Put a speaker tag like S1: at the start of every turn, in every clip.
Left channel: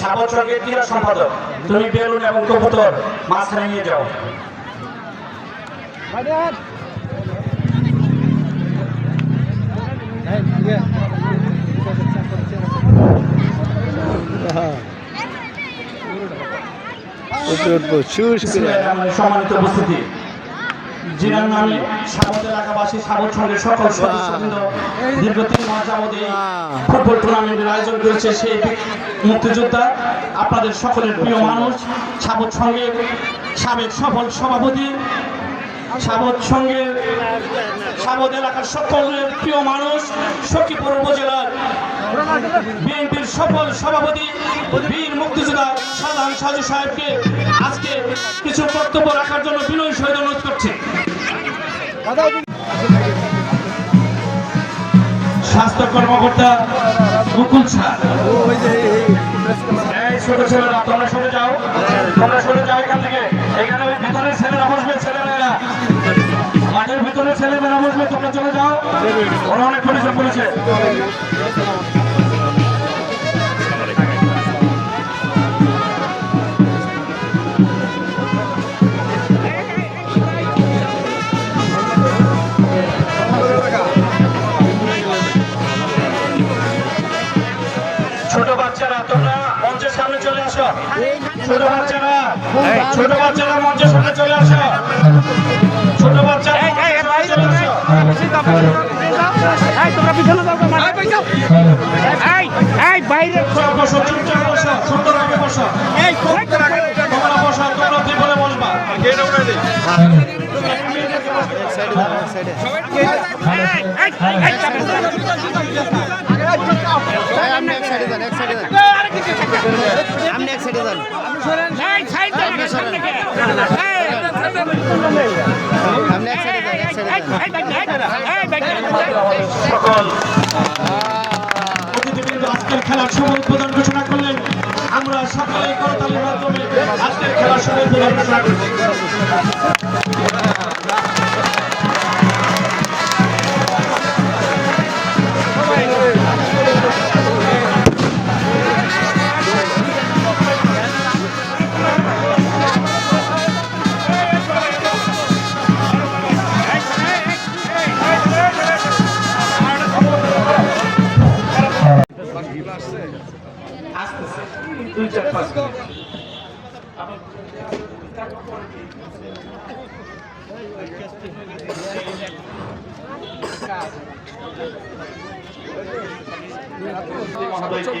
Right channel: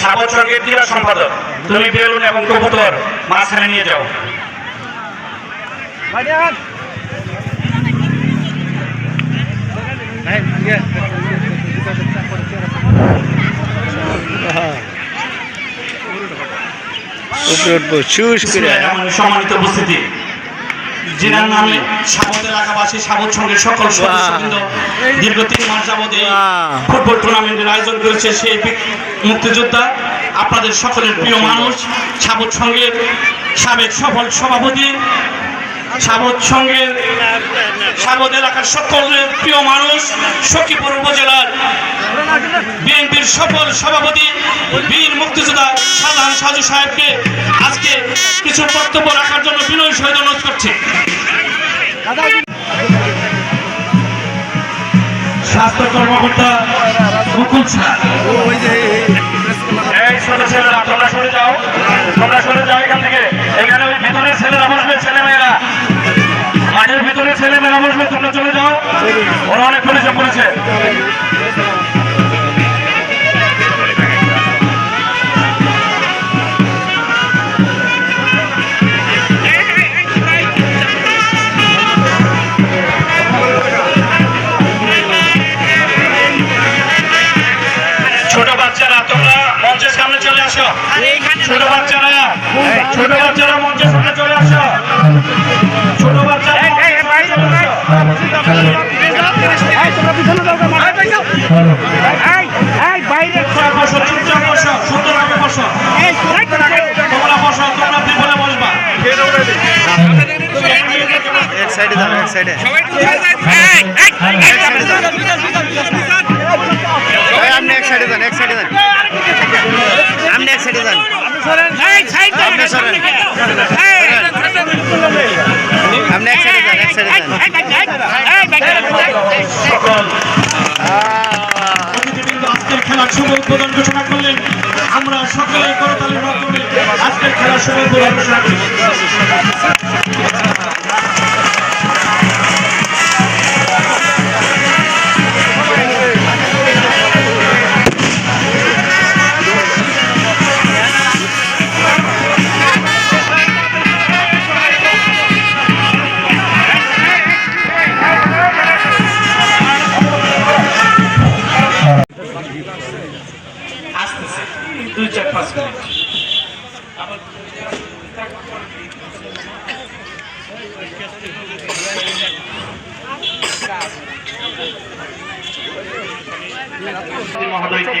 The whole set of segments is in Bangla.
S1: সাবচকের ক্রীড়া সম্পাদক তুমি বেলুন এবং কবুতর মাঝখানে নিয়ে যাও।
S2: উপরে উঠবো চুস করে।
S1: আমার সম্মানিত উপস্থিতি। জেনার নামে সাবত এলাকাবাসী সাবত সঙ্গে সকল সদস্যবৃন্দ দীর্ঘ তিন মাস এই ফুটবল টুর্নামেন্টের আয়োজন করেছে সেই মুক্তিযোদ্ধা। আপনাদের সকলের প্রিয় মানুষ সাবত সঙ্গের সাবেক সফল সভাপতি সাবত সঙ্গের সাবত এলাকার সকলের প্রিয় মানুষ সখীপুর উপজেলার বিএনপির সফল সভাপতি বীর মুক্তিযোদ্ধা সাধারণ সাজু সাহেবকে আজকে কিছু বক্তব্য রাখার জন্য বিনয় সহিত অনুরোধ করছি। স্বাস্থ্য কর্মকর্তা মুকুল এই যাও। তোমরা যাও এখান থেকে। এখানে ভিতরে ছেলেরা বসবে, ছেলেমেয়েরা। মাঠের ভিতরে ছেলেমেয়েরা বসবে, তোমরা চলে যাও। ওরা অনেক পরিশ্রম করেছে। আসো ছোট বাচ্চারা ছোট বাচ্চারা মঞ্চের সামনে চলে আসো ছোট বাচ্চারা মঞ্চের সামনে চলে আসো চুপচাপ বসো চুপচাপ বসো সুন্দরভাবে বসো তোমরা বসো তোমরা ভিতরে বসবা
S2: এক সাইডে যাও এক সাইডে আপনি এক সাইডে যান এক সাইডে যান এক সাইডে যান আপনি সরেন আপনি এক সাইডে যান এক সাইডে যান
S1: খেলার শুভ উদ্বোধন ঘোষণা করলেন আমরা সকালে করতালির মাধ্যমে আজকের খেলার শুভ উদ্বোধন ঘোষণা করি দুই চার পাঁচ মিনিট। মহোদয়কে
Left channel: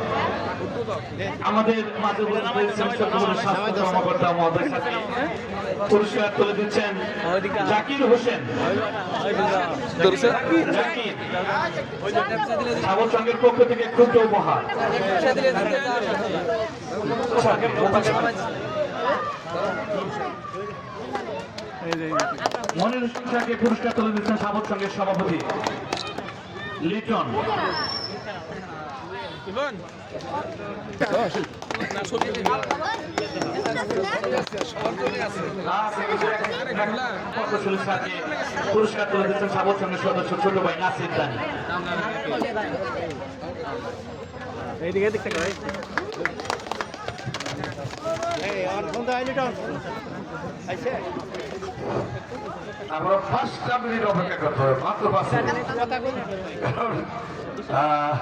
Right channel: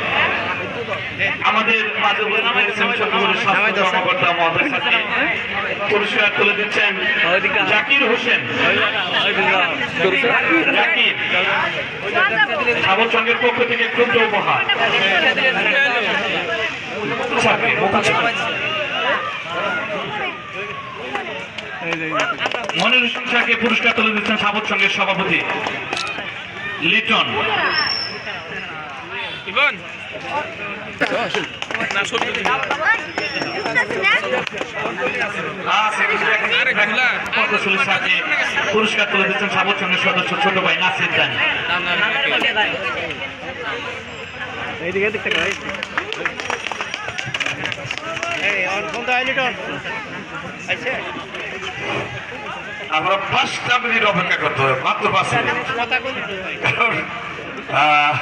S1: আমাদের মাঝে কর্মকর্তা পুরস্কার তুলে দিচ্ছেন জাকির হোসেন। জাকির। পক্ষ থেকে ক্ষুদ্র মনির হোসেন শাহকে পুরস্কার তুলে দিচ্ছেন সাবচঙ্গের সভাপতি লিটন। পুরস্কার তুলে দিচ্ছেন সাবচঙ্গের সদস্য ছোট ভাই নাসির দানি
S3: আমরা পাঁচটা মিনিট অপেক্ষা করতে হবে মাত্র পাঁচ মিনিট। কারণ, আহ,